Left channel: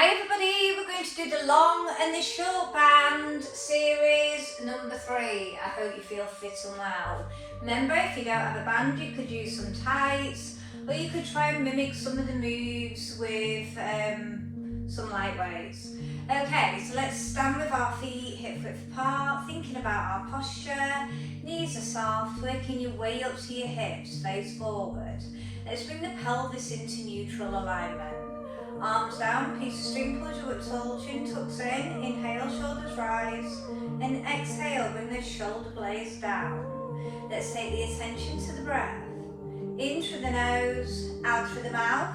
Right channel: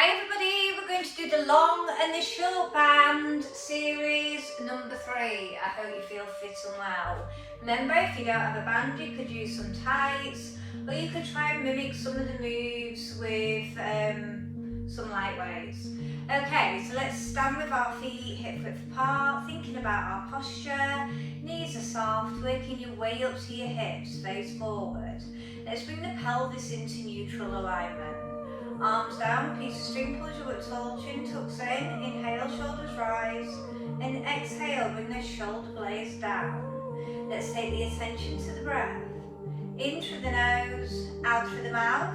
Hi everybody, we're going to do the long and the short band series number 3. I hope you feel fit and well. Remember, if you don't have a band, you could use some tights, or you could try and mimic some of the moves with some light weights. Okay, so let's stand with our feet hip width apart, thinking about our posture. Knees are soft, working your way up to your hips, face forward. Let's bring the pelvis into neutral alignment. Arms down, piece of string pulls you up tall, chin tucks in, inhale, shoulders rise, and exhale, bring the shoulder blades down. Let's take the attention to the breath. In through the nose, out through the mouth,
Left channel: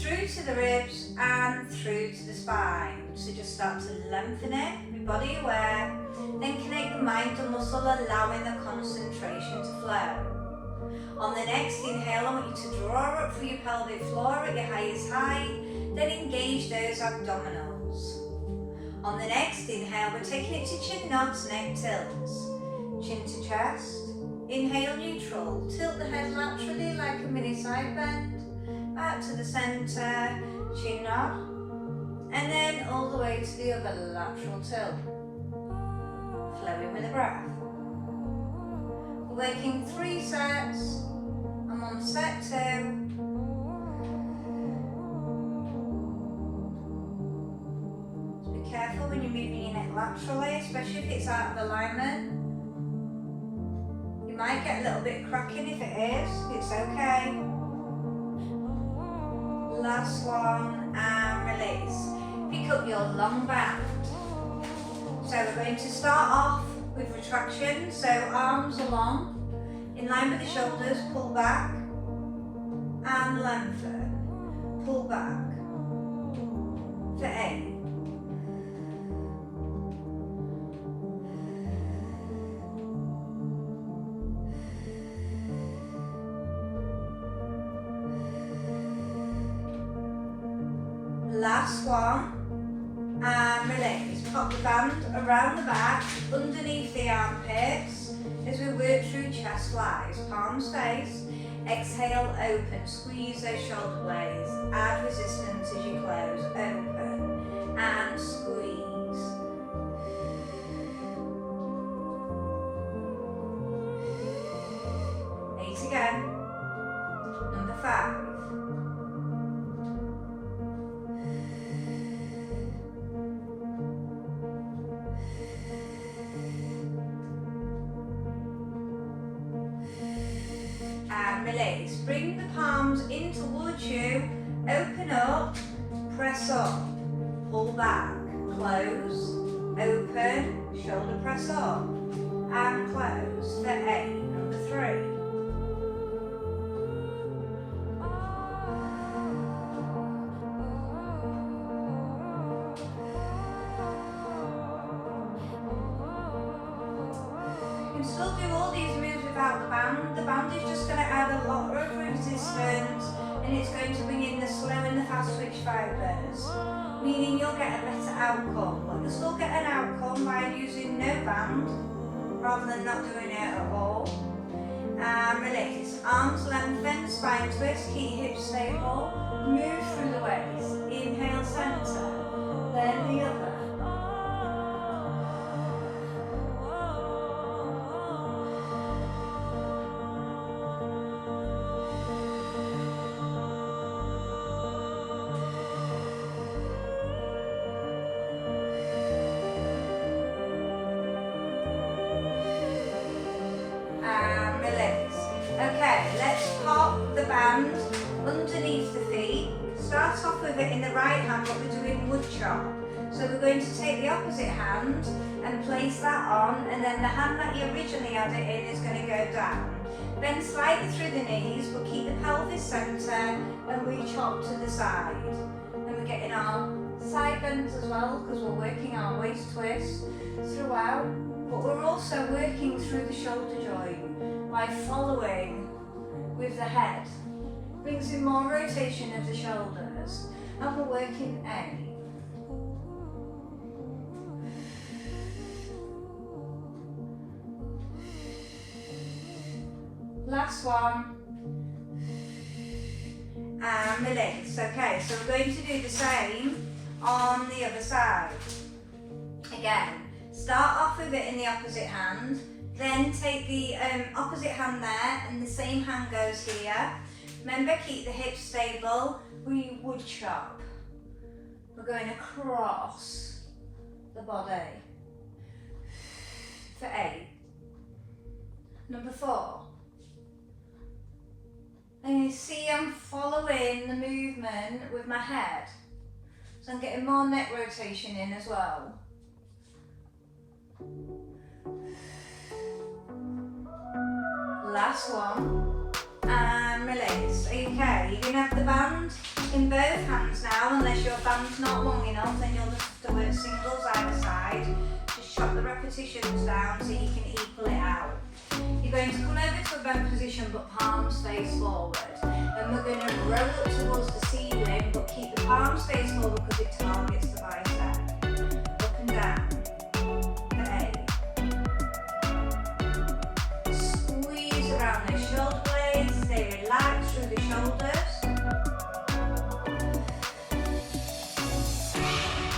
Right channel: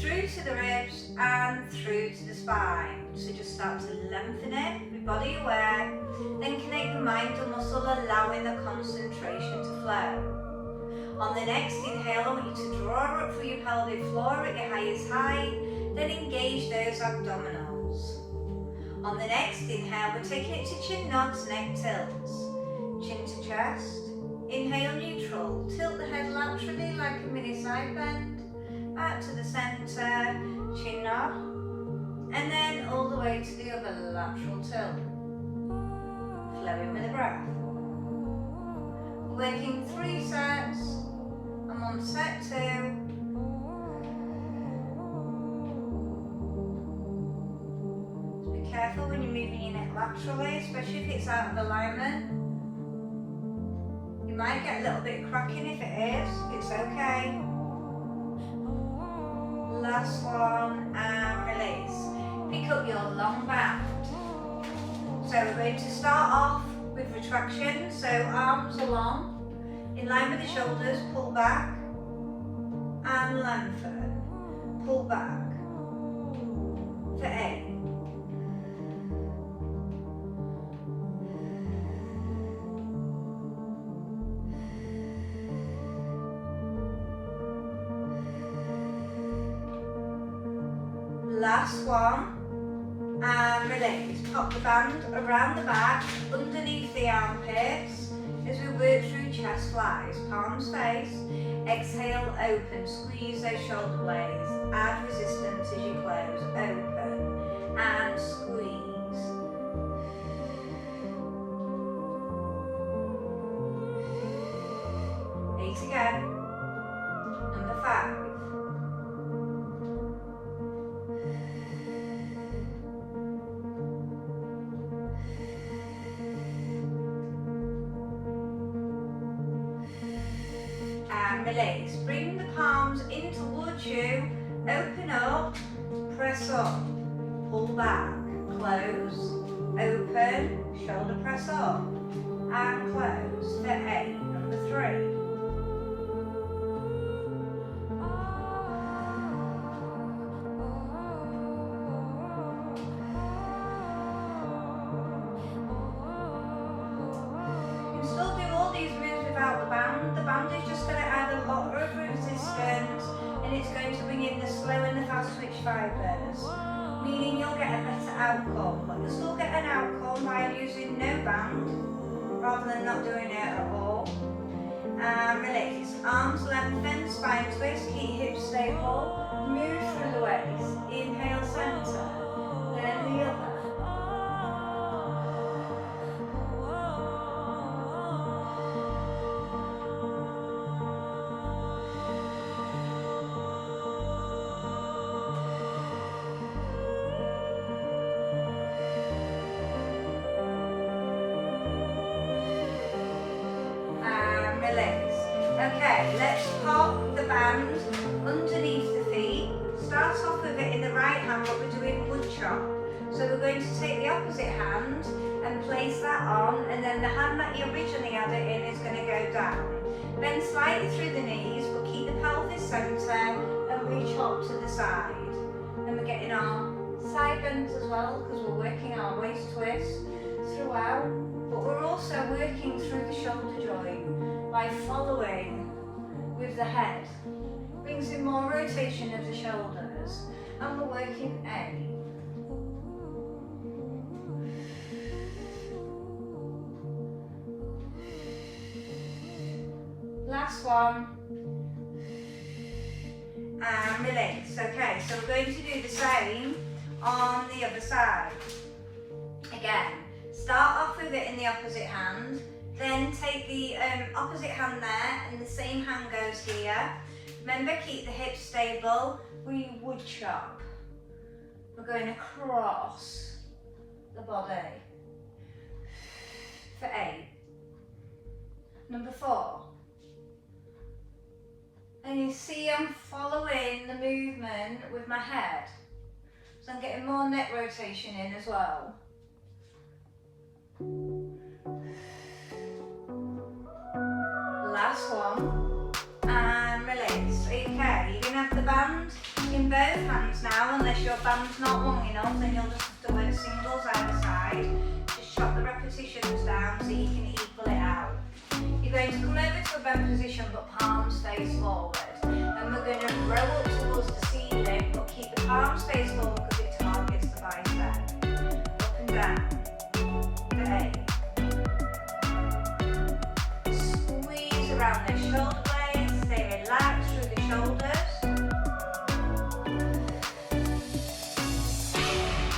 through to the ribs, and through to the spine. So just start to lengthen it, be body aware, then connect the mind to muscle, allowing the concentration to flow. On the next inhale, I want you to draw up through your pelvic floor at your highest height, then engage those abdominals. On the next inhale, we're taking it to chin nods, neck tilts. Chin to chest. Inhale neutral, tilt the head laterally like a mini side bend. Back to the centre, chin nod. And then all the way to the other lateral tilt. Flowing with the breath. Working 3 sets, and on set 2. Be careful when you're moving your neck laterally, especially if it's out of alignment. You might get a little bit cracking if it is, it's okay. Last one, and release. Pick up your long band. So we're going to start off with retraction, so arms are long, in line with the shoulders, pull back, and lengthen, pull back, for 8. Last one, and release. Pop the band around the back, underneath the armpits, as we work through chest flies, palms face. Exhale, open, squeeze those shoulder blades, add resistance as you close, open, and squeeze. Eight again. Number 5. And release. Bring the palms in towards you, open up, press up, pull back, close, open, shoulder press up, and close for 8, number 3. You can still do all these moves without the band. The band is just going to add a lot of resistance, and it's going to bring in the slow and the fast twitch fibers, meaning you'll get a better outcome. But you'll still get an outcome by using no band rather than not doing it at all. And release. Arms lengthen, spine twist, keep hips stable, move through the waist. Inhale center, then the other. Okay, let's pop the band underneath the feet. Start off with it in the right hand, but we're doing wood chop. So we're going to take the opposite hand and place that on, and then the hand that you originally had it in is going to go down. Bend slightly through the knees, but keep the pelvis centre and we chop to the side. And we're getting our side bends as well, because we're working our waist twist throughout, but we're also working through the shoulder joint by following with the head. Brings in more rotation of the shoulders, and we're working 8. Last one. And release. Okay, so we're going to do the same on the other side. Again, start off with it in the opposite hand, then take the opposite hand there and the same hand goes here. Remember, keep the hips stable. We wood chop. We're going across the body for 8. Number 4. And you see I'm following the movement with my head. So I'm getting more neck rotation in as well. Last one. And release. Okay, you're going to have the band in both hands now, unless your band's not long enough, then you'll just have to work singles either side. Just chop the repetitions down so you can equal it out. You're going to come over to a bend position but palms face forward. And we're going to roll up towards the ceiling but keep the palms face forward because it targets the bicep. Up and down. For 8. Squeeze around those shoulder blades. Stay relaxed through the shoulders.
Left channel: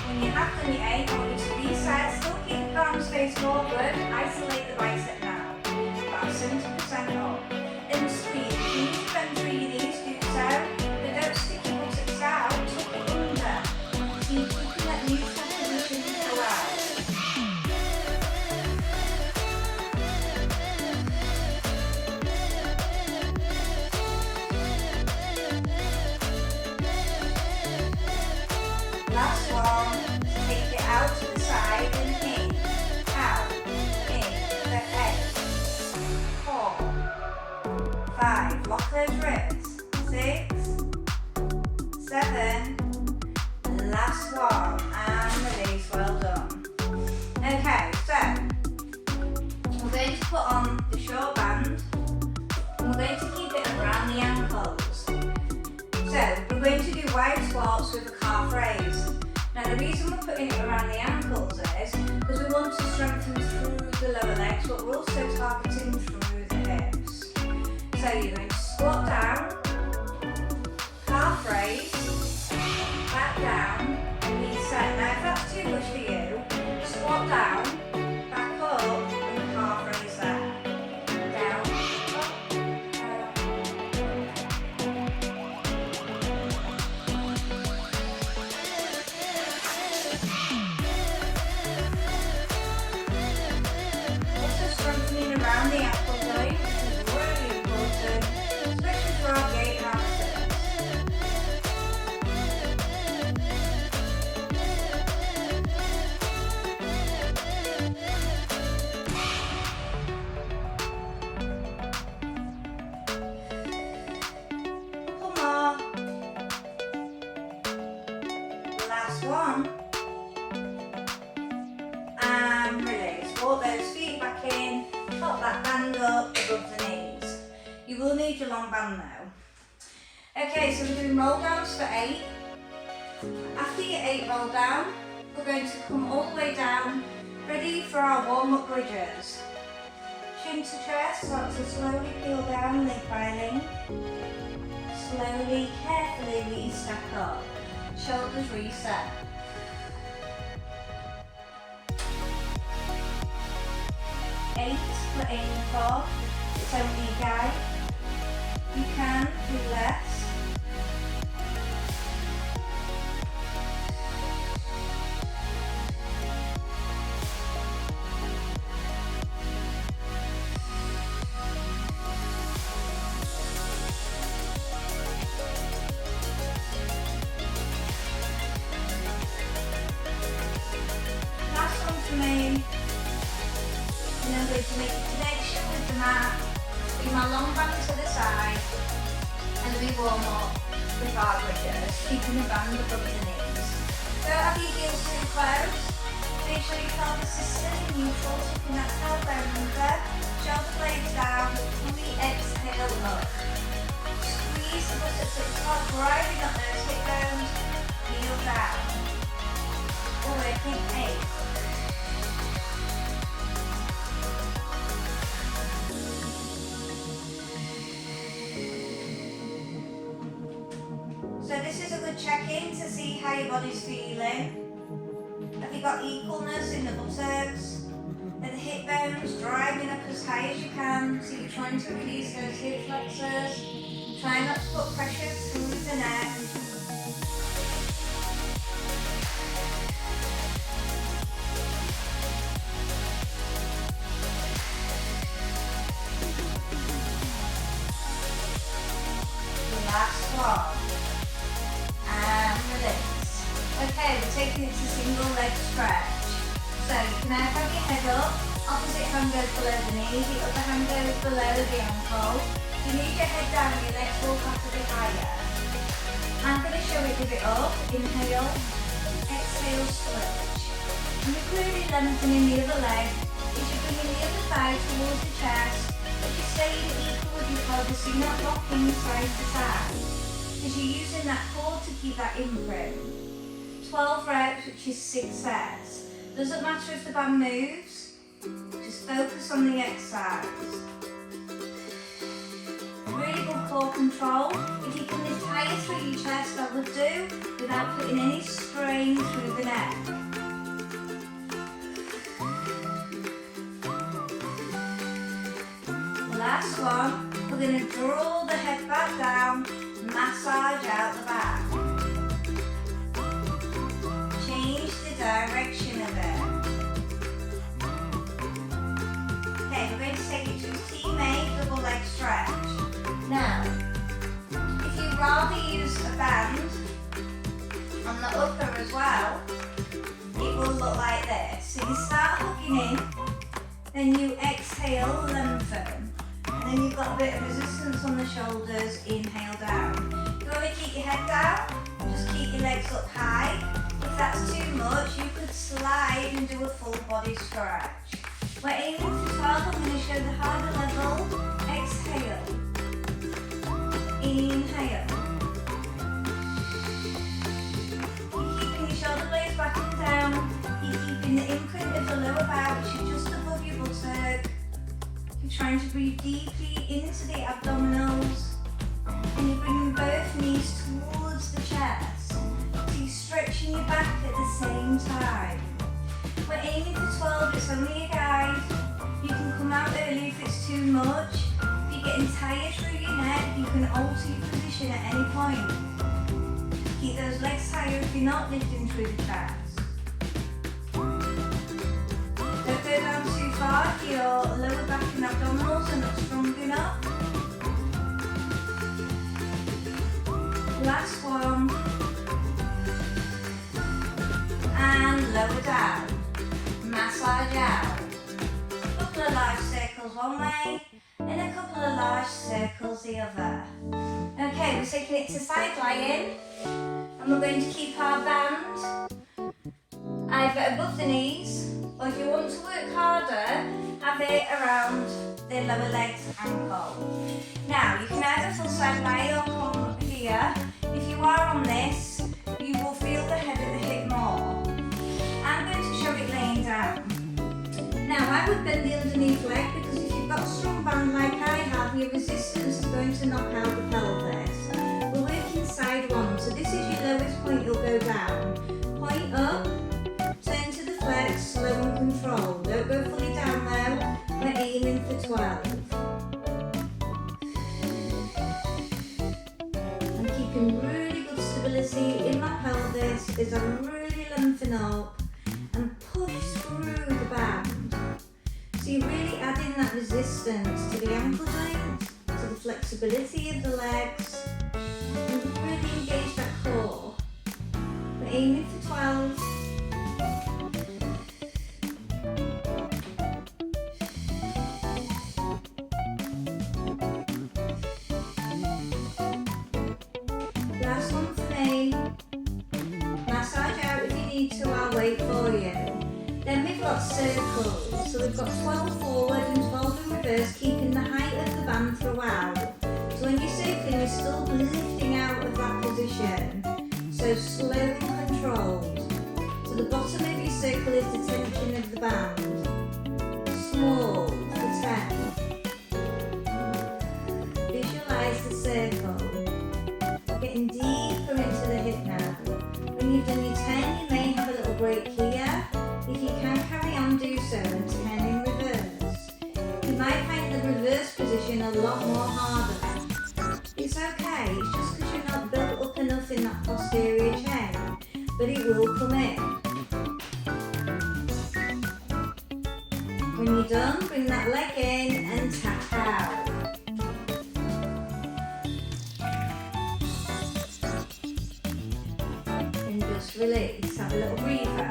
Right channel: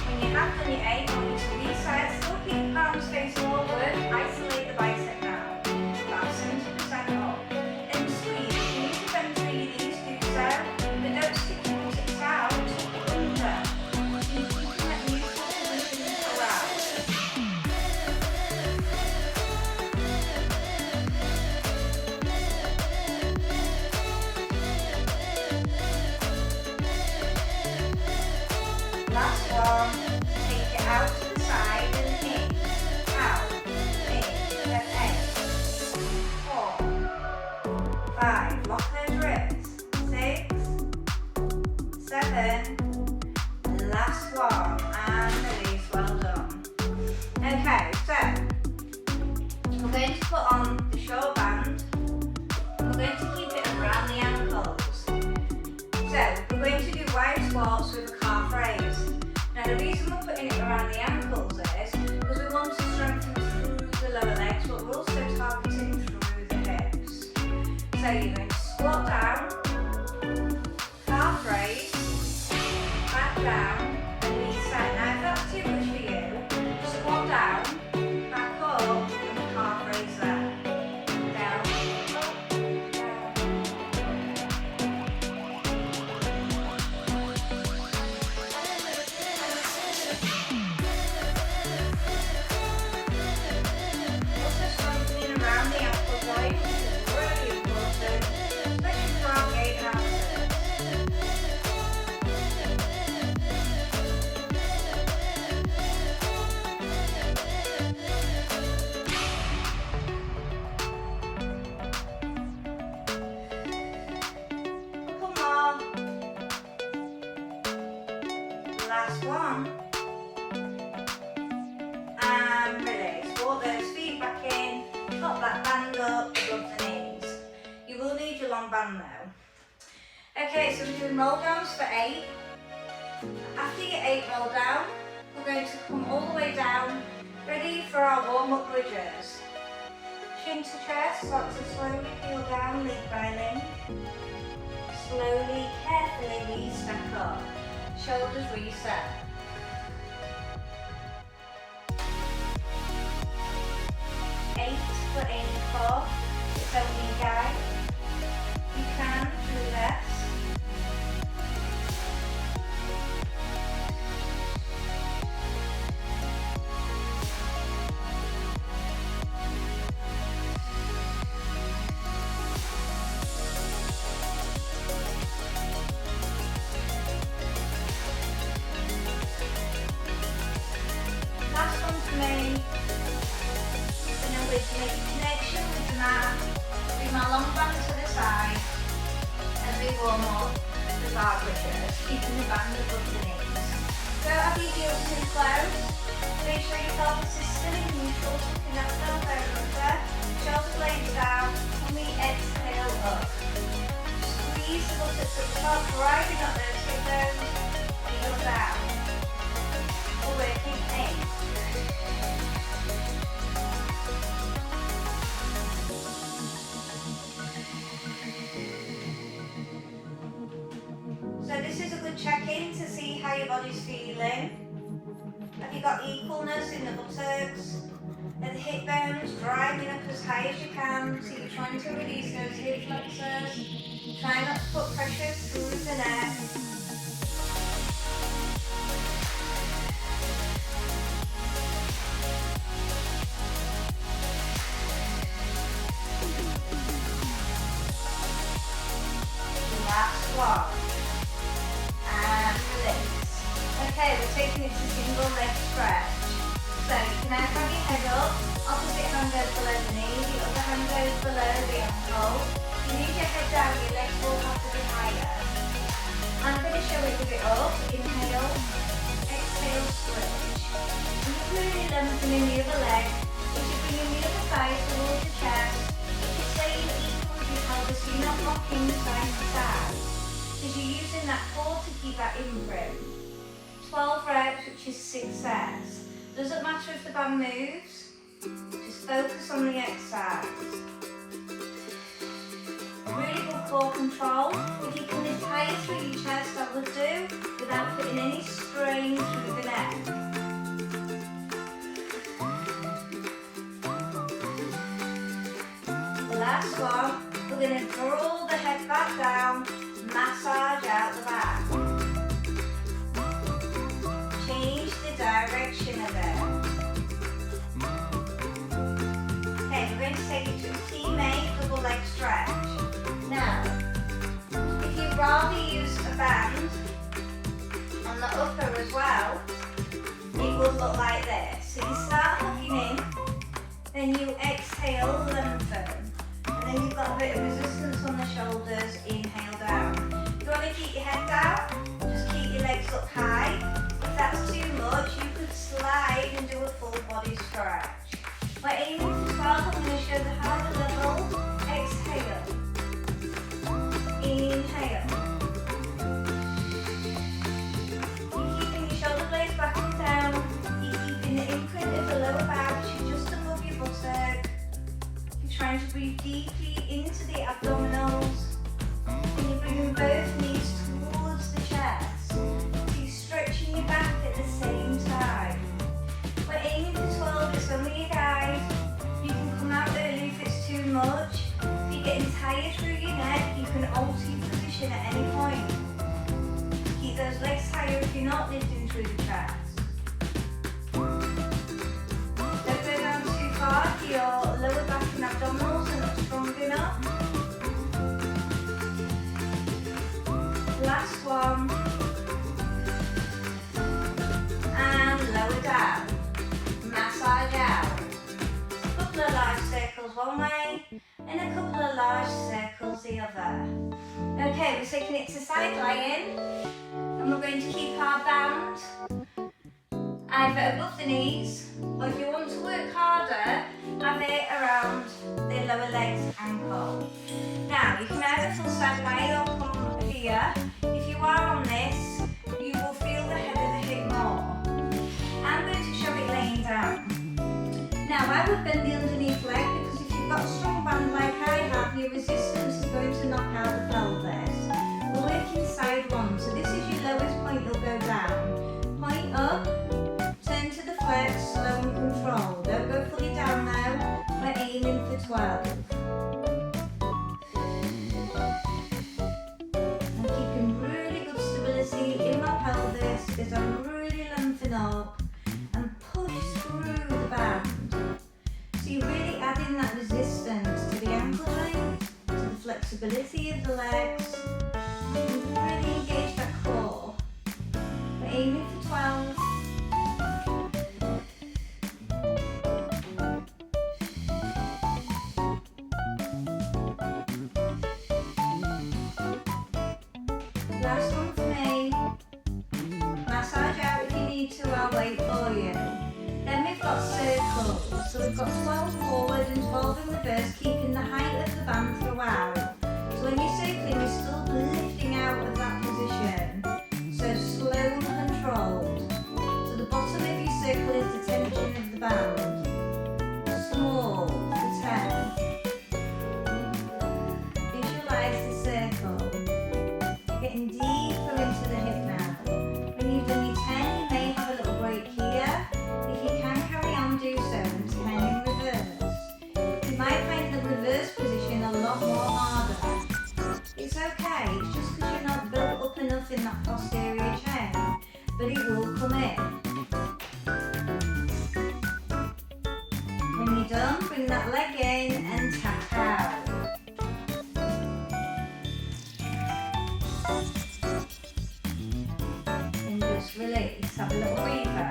When you have done your 8, I want you to reset. Still keep the palms face forward. Isolate the bicep now. 70% up. And squeeze. You need to bend through your knees, do so. But don't stick your buttocks out, tuck it under. So you can let neutral position around. Last one. Take it out to the side and in. Out. In. For 8. 4, 5, lock those ribs. 6, 7, last one, and release, well done. Okay, so we're going to put on the short band, and we're going to keep it around the ankles. So we're going to do wide squats with a calf raise. Now the reason we're putting it around the ankles is because we want to strengthen through the lower legs, but we're also targeting through the hips. So you're going to squat down, calf raise, back down, and reset. Now if that's too much for you, squat down, back up, and the calf raise there. Down, up, also strengthening around the ankle joint, which is really important, especially for our gait hamsters. Couple more. Last one. And release. Walk those feet back in. Pop that band up above the knees. You will need your long band though. Okay, so we're doing roll downs for 8. After your 8 roll down, we're going to come all the way down, ready for our warm-up bridges. Chin to chest, start to slowly peel down, lid by lid. Slowly, carefully re-stack up. Shoulders reset. We're aiming for, so we guide. You can do less. Last one for me. And then we're going to make a connection with the mat. Bring my long back to the side. And we warm up the bar bridges, keeping the band above the knees. Don't have your heels too close. Make sure you feel consistent and neutral, tucking that tailbone under. Shoulder blades down. On the exhale, up. Squeeze the buttocks at the top, driving up those hip bones. Heel down. All the way up in 8. So this is a good check-in to see how your body body's feeling? Have you got equalness in the buttocks? Are the hip bones driving up as high as you can? So you're trying to release those hip flexors. Try not to put pressure through the neck. Last one. And release. Okay, we're taking it to single leg stretch. So you can now have your head up, opposite hand goes below the knee, the other hand goes below the ankle. You need your head down, your legs will have to be higher. I'm going to show it with it up. Inhale, exhale, stretch. And you're really lengthening the other leg. As you're bringing the other thigh towards the chest, but you're staying equal with your pelvis, so you're not rocking side to side. Because you're using that core to keep that imprint. 12 reps, which is 6 sets. Doesn't matter if the band moves, just focus on the exercise. Really good core control. If you can retire through your chest, I would do, without putting any strain through the neck. The last one, we're going to draw the head back down, massage out the back. Change the direction of it. Okay, we're going to take it to a teammate double leg stretch. Now, if you'd rather use a band on the upper as well, it will look like this. So you start hooking in, then you exhale, lengthen, and then you've got a bit of resistance on the shoulders, inhale down. You want to keep your head down, just keep your legs up high. If that's too much, you could slide and do a full body stretch. We're aiming for 12, I'm going to show the harder level. Exhale. Inhale. You're keeping your shoulder blades back and down. You're keeping the imprint of the lower back, which is just above your buttock. You're trying to breathe deeply into the abdominals. And you're bringing both knees towards the chest. Stretching your back at the same time. We're aiming for 12, it's only a guide. You can come out early if it's too much. If you're getting tired through your neck, you can alter your position at any point. Keep those legs higher if you're not lifting through the chest. Don't go down too far if your lower back and abdominals are not strong enough. Last one. Lower down, massage out. A couple of large circles one way and a couple of large circles the other. Okay, we're taking it to side lying and we're going to keep our band either above the knees, or if you want to work harder, have it around the lower legs ankle. Now you can either full side lie or come here. If you are on this, you will feel the head of the hip more. I'm going to show it laying down. Now I would bend the underneath leg because if you've got a strong band like I have, your resistance is going to knock out the pelvis. We're working side one, so this is your lowest point you'll go down. Point up, turn to the flex, slow and control. Don't go fully down now, we're aiming for 12. I'm keeping really good stability in my pelvis as I really lengthen up and push through the band. So you're really adding that resistance to the ankle height, to the flexibility of the legs, and really engage that core. We're aiming for 12. Last one for me. Massage out if you need to, I'll wait for you. Then we've got circles. So we've got 12 forward and 12 in reverse, keeping the height of the band throughout. So when you're circling, you're still lifting out of that position. So slow and controlled. So the bottom of your circle is the tension of the band. Small for 10. Visualize the circle. Getting deeper into the hip now. When you've done your lot more harder. It's okay, it's just because you're not built up enough in that posterior chain, but it will come in. When you're done, bring that leg in and tap out. And just release, have a little breather.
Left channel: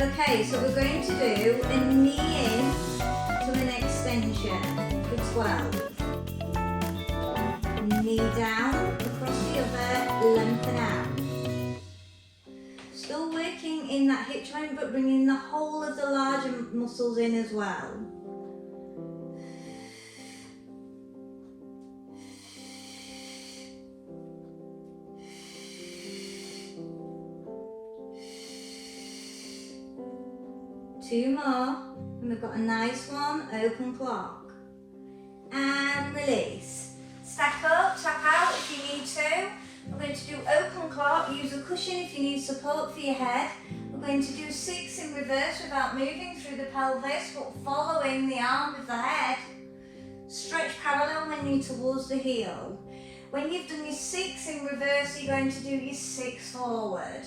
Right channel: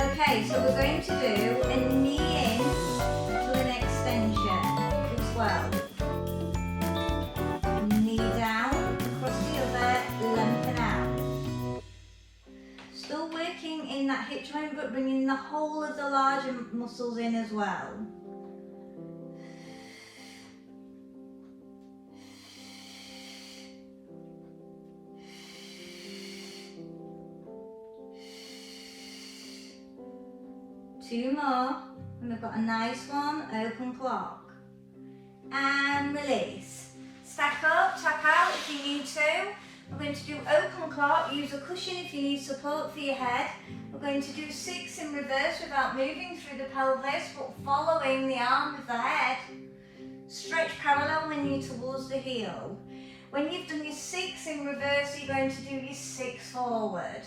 Okay, so we're going to do a knee in to an extension for 12. Knee down, across the other, lengthen out. Still working in that hip joint, but bringing the whole of the larger muscles in as well. Two more, and we've got a nice one, open clock. And release. Stack up, tap out if you need to. We're going to do open clock, use a cushion if you need support for your head. We're going to do 6 in reverse without moving through the pelvis, but following the arm with the head. Stretch parallel when you're towards the heel. When you've done your 6 in reverse, you're going to do your 6 forward.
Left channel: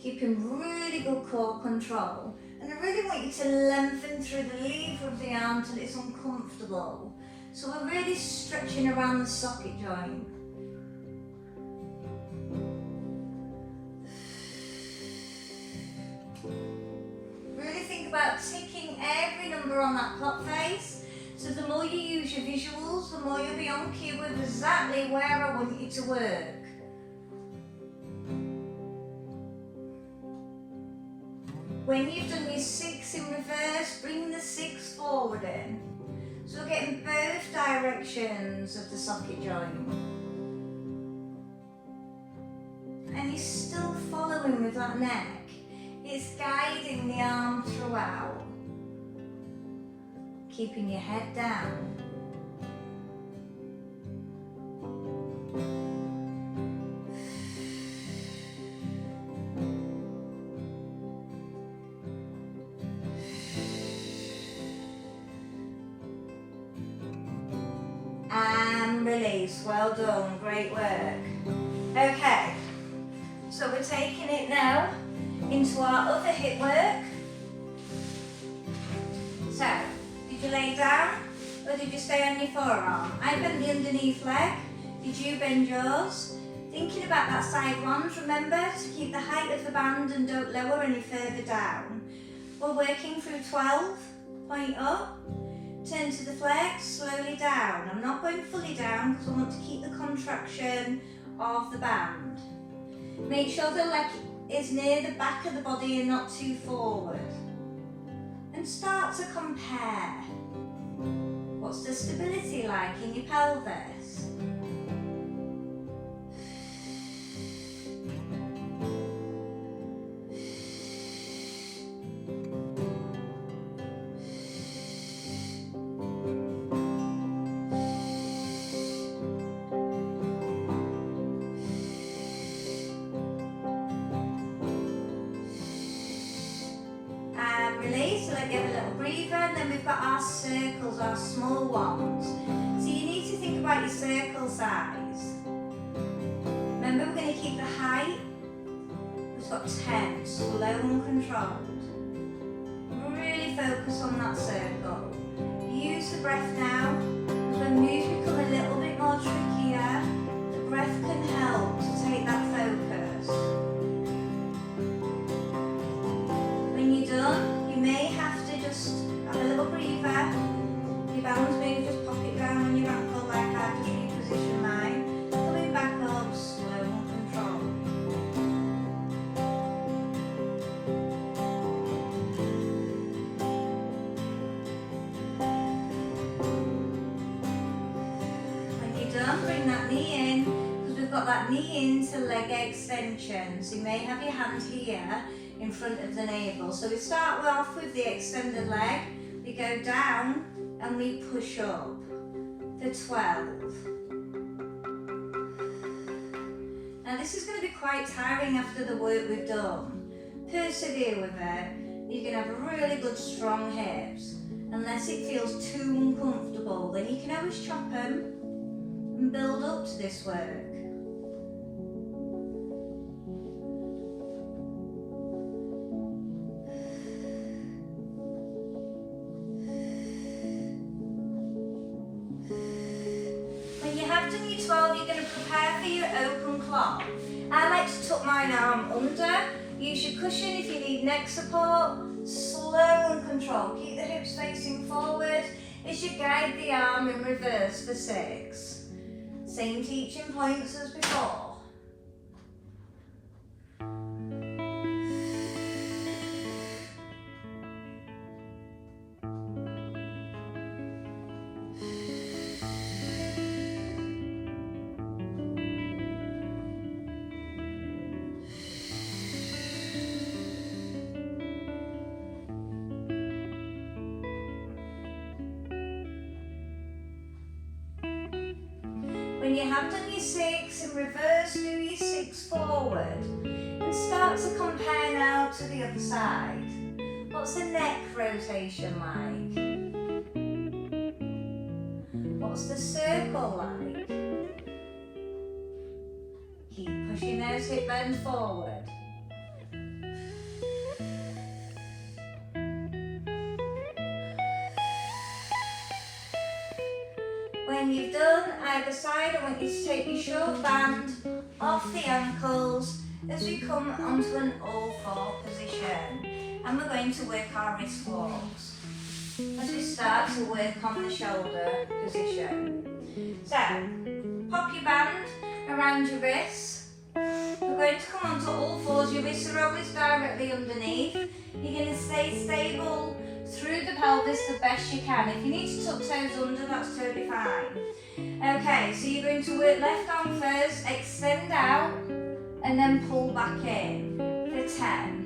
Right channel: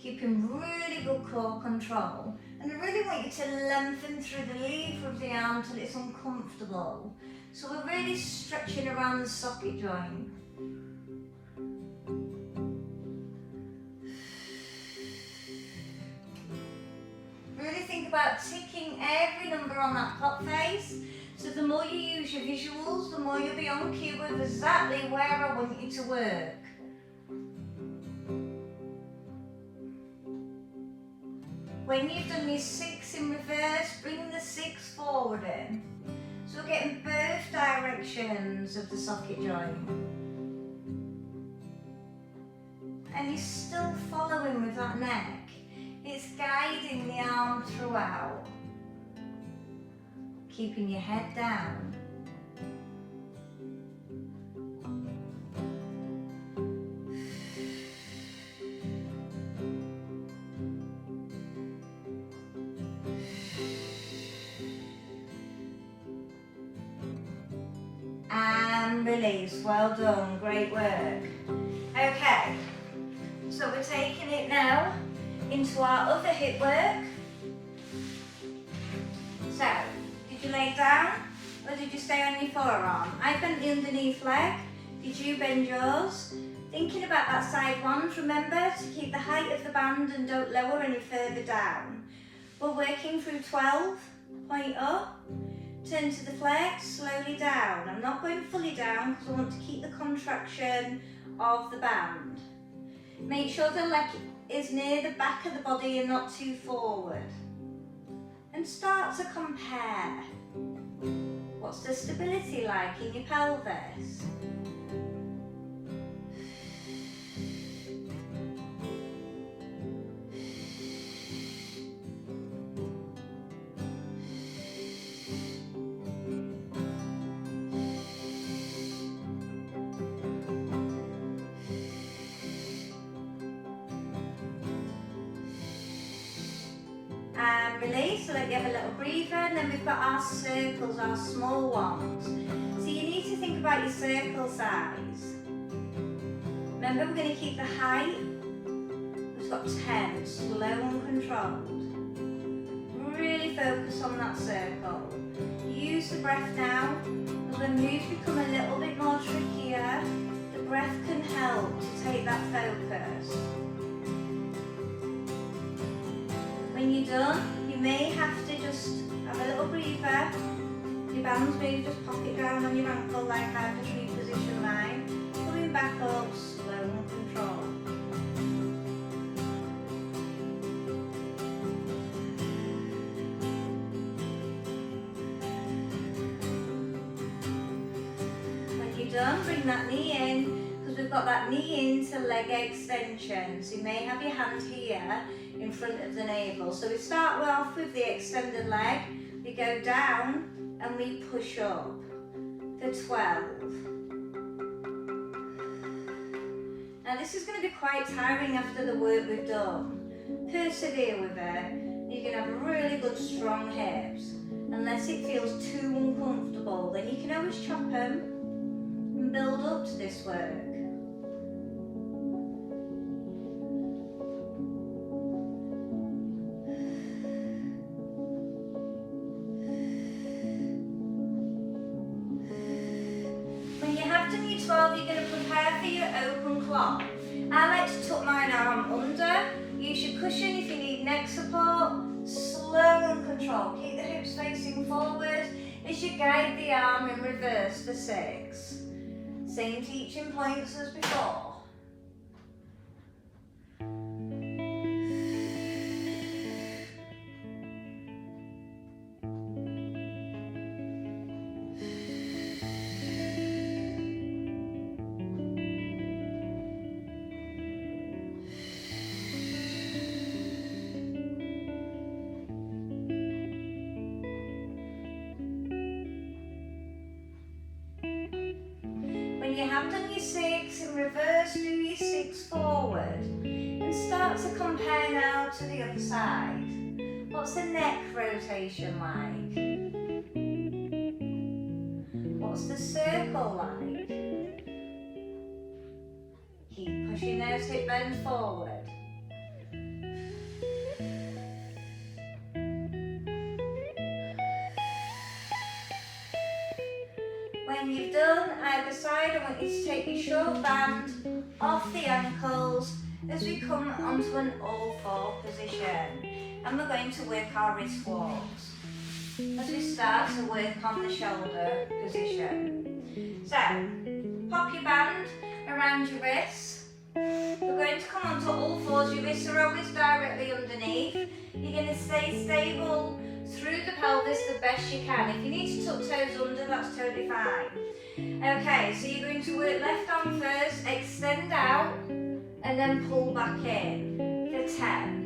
Keeping really good core control. And I really want you to lengthen through the lever of the arm till it's uncomfortable. So we're really stretching around the socket joint. Really think about ticking every number on that clock face. So the more you use your visuals, the more you'll be on cue with exactly where I want you to work. When you've done your 6 in reverse, bring the 6 forward in. So we're getting both directions of the socket joint. And you're still following with that neck. It's guiding the arm throughout. Keeping your head down. And release, well done, great work. Okay, so we're taking it now into our other hip work. So, did you lay down or did you stay on your forearm? I bent the underneath leg, did you bend yours? Thinking about that side lunge, remember to keep the height of the band and don't lower any further down. We're working through 12, point up. Turn to the flex, slowly down. I'm not going fully down because I want to keep the contraction of the band. Make sure the leg is near the back of the body and not too forward. And start to compare. What's the stability like in your pelvis? Release, so let you have a little breather, and then we've got our circles, our small ones. So you need to think about your circle size. Remember, we're going to keep the height, we've got 10, slow and controlled. Really focus on that circle. Use the breath now. When moves become a little bit more trickier, the breath can help to take that focus. When you're done, you may have to just have a little breather. Your bands maybe just pop it down on your ankle like I've just repositioned mine. Coming back up, slow and controlled. When you're done, bring that knee in, because we've got that knee into leg extension. So you may have your hand here in front of the navel. So we start off with the extended leg, we go down and we push up for 12. Now this is going to be quite tiring after the work we've done. Persevere with it. You're going to have really good strong hips. unless it feels too uncomfortable. Then you can always chop them and build up to this work. When you have done your 12, you're going to prepare for your open clock. I like to tuck mine arm under. Use your cushion if you need neck support. Slow and control. Keep the hips facing forward as you guide the arm in reverse for 6. Same teaching points as before. When you have done your 6 in reverse, do your 6 forward and start to compare now to the other side. What's the neck rotation like? What's the circle like? Keep pushing those hip bends forward. When you've done either side, I want you to take your short band off the ankles as we come onto an all-4 position. And we're going to work our wrist walks as we start to work on the shoulder position. So, pop your band around your wrists. We're going to come onto all 4s. Your wrists are always directly underneath. You're going to stay stable through the pelvis the best you can. If you need to tuck toes under, that's totally fine. Okay, so you're going to work left arm first, extend out, and then pull back in for 10.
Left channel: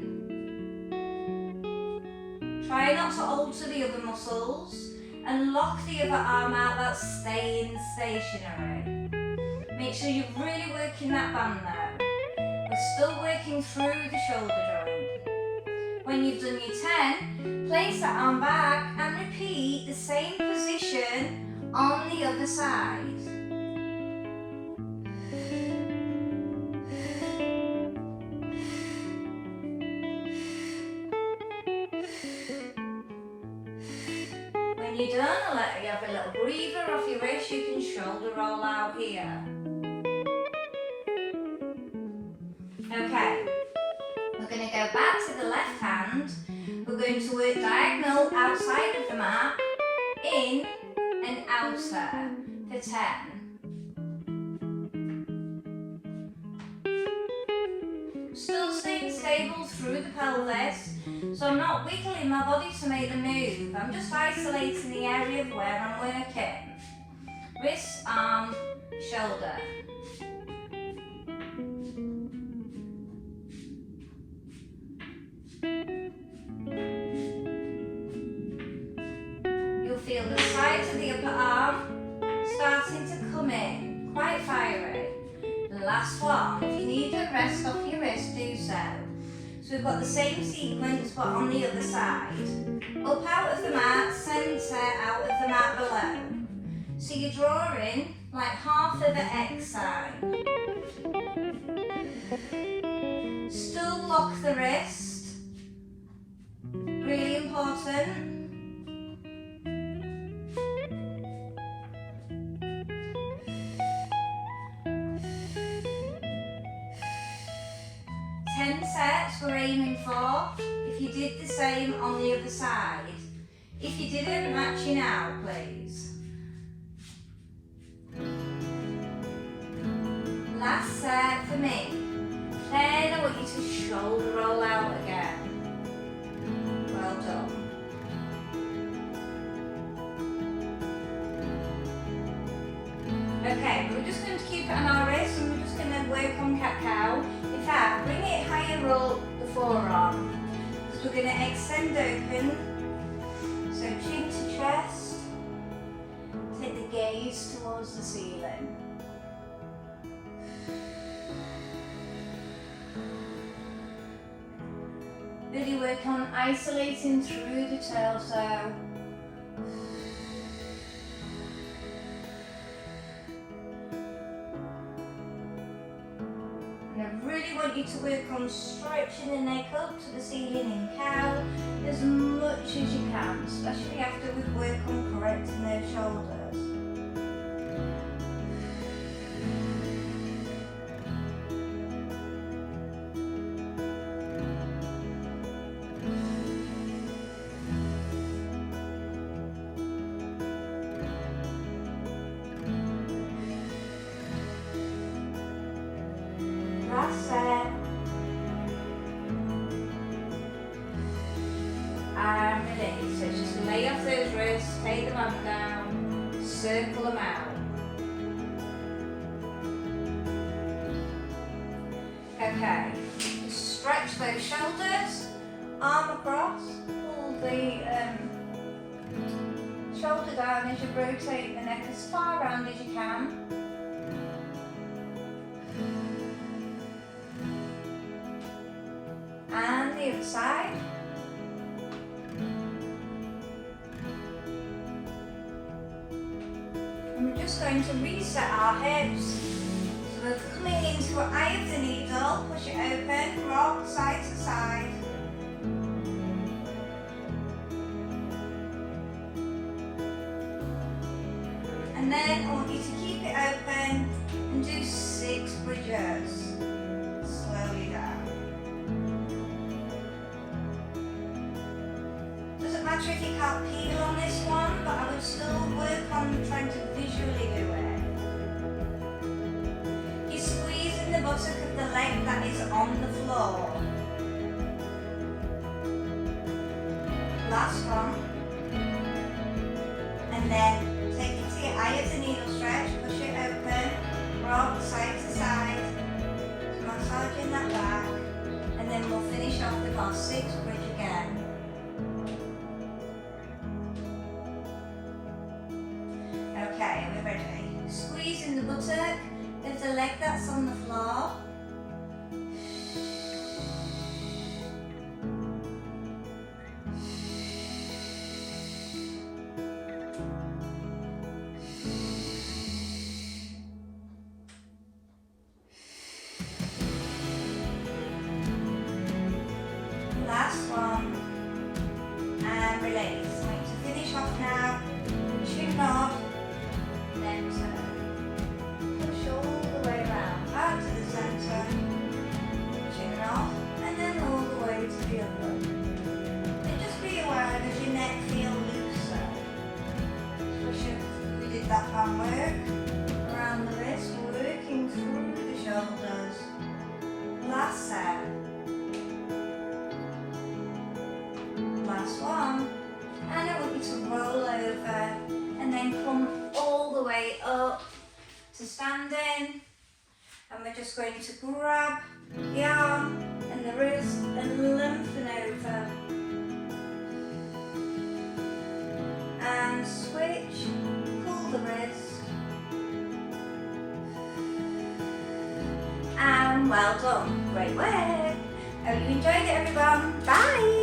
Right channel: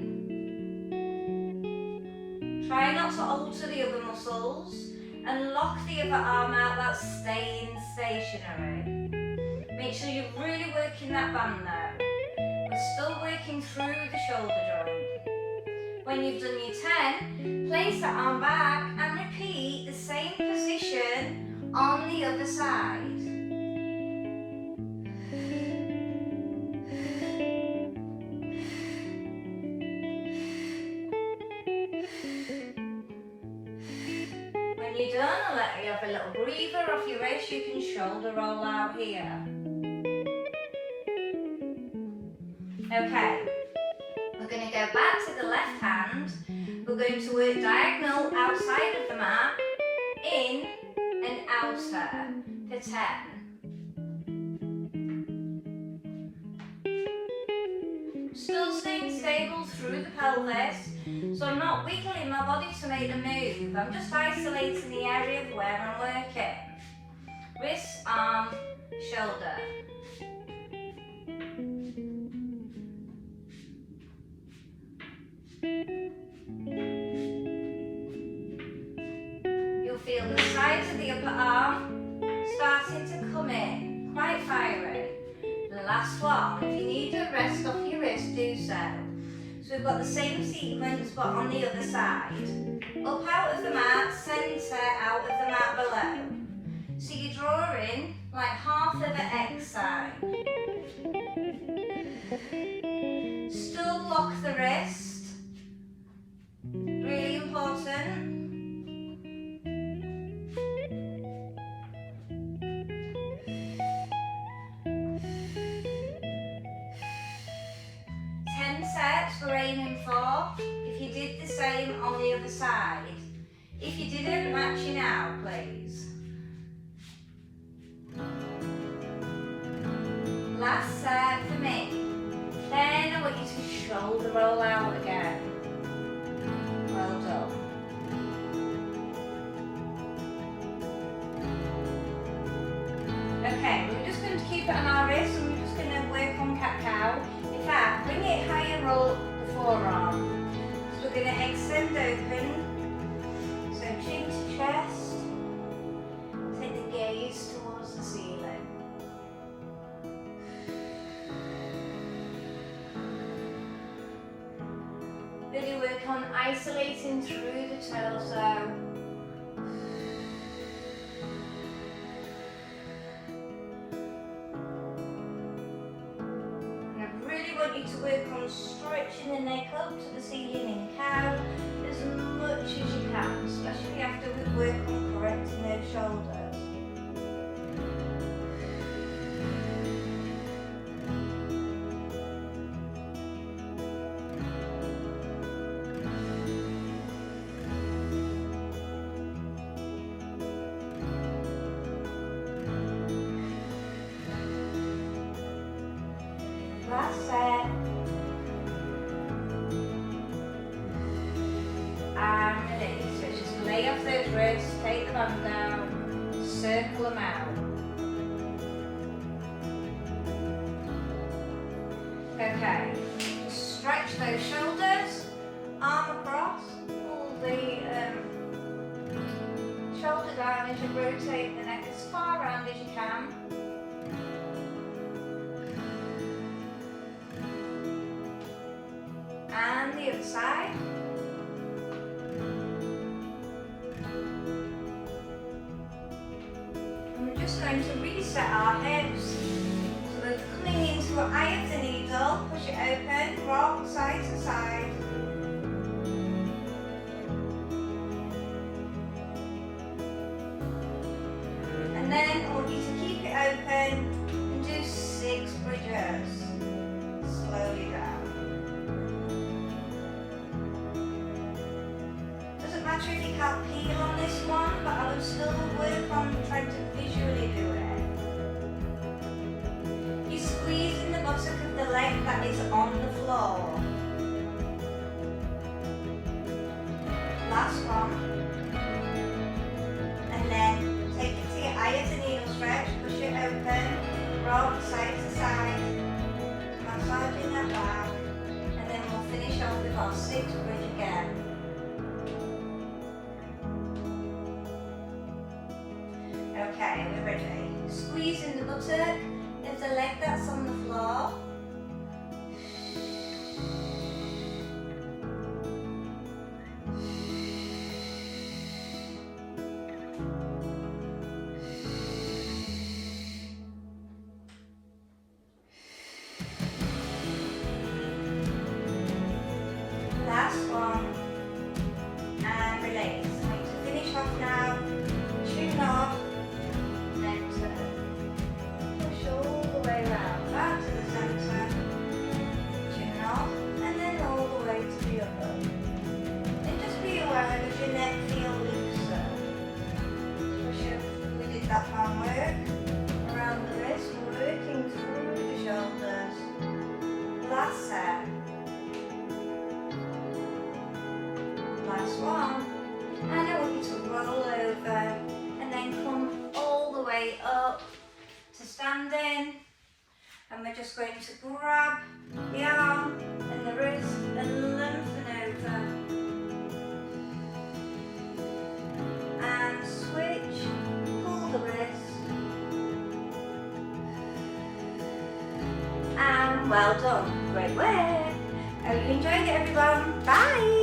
Try not to alter the other muscles, and lock the other arm out, that's staying stationary. Make sure you're really working that band now. We're still working through the shoulder joint. When you've done your 10, place that arm back and repeat the same position on the other side. When you're done, I'll let you have a little breather off your wrist. You can shoulder roll out here. Okay. We're going to go back to the left hand. We're going to work diagonal outside of the mat, in and outer for 10. Still staying stable through the pelvis, so I'm not wiggling my body to make the move. I'm just isolating the area of where I'm working. Wrist, arm, shoulder. You'll feel the sides of the upper arm starting to come in, quite fiery. The last one, if you need a rest off your wrist, do so. So we've got the same sequence but on the other side. Up out of the mat, centre out of the mat below. So you're drawing like half of the X sign. Still lock the wrist. Really important. We're aiming for. If you did the same on the other side. If you didn't, match you now, please. Last set for me. Then I want you to shoulder roll out again. Well done. Okay, we're just going to keep it on our wrist and we're just going to work on cat-cow. In fact, bring it higher up the forearm. So we're going to extend open. So cheek to chest. Take the gaze towards the ceiling. Really work on isolating through the torso on stretching the neck up to the ceiling in cow as much as you can, especially after we work on correcting those shoulders. That's it. And release. So just lay off those wrists, take the band down, circle them out. Okay, stretch those shoulders, arm across, pull the shoulder down as you rotate the neck as far round as you can. And the other side. And we're just going to reset our hips. So we're coming into the eye of the needle, push it open, rock side to side. And then I want you to keep it open and do 6 bridges. Slowly down. If you can't peel on this one, but I will still work on trying to visually do it. You're squeezing the buttock of the leg that is on the floor. Last one. And then take it to your eye of the needle stretch, push it open, rock side to side, massaging that back, and then we'll finish off with our 6 bridge again. Okay, we're ready. Squeezing the buttock of the leg that's on the floor. Last one. And release. To finish off now, chin up. Then push all the way around, out to the centre, chin off, and then all the way to the other. And just be aware that your neck feels looser. Push up, we did that hand work, around the wrist, working through the shoulders. Last set. Last one. And I want you to roll over and then come all the way up to standing, and we're just going to grab the arm and the wrist and lengthen over and switch, pull the wrist, and well done, great work. Hope you enjoyed it everyone, bye.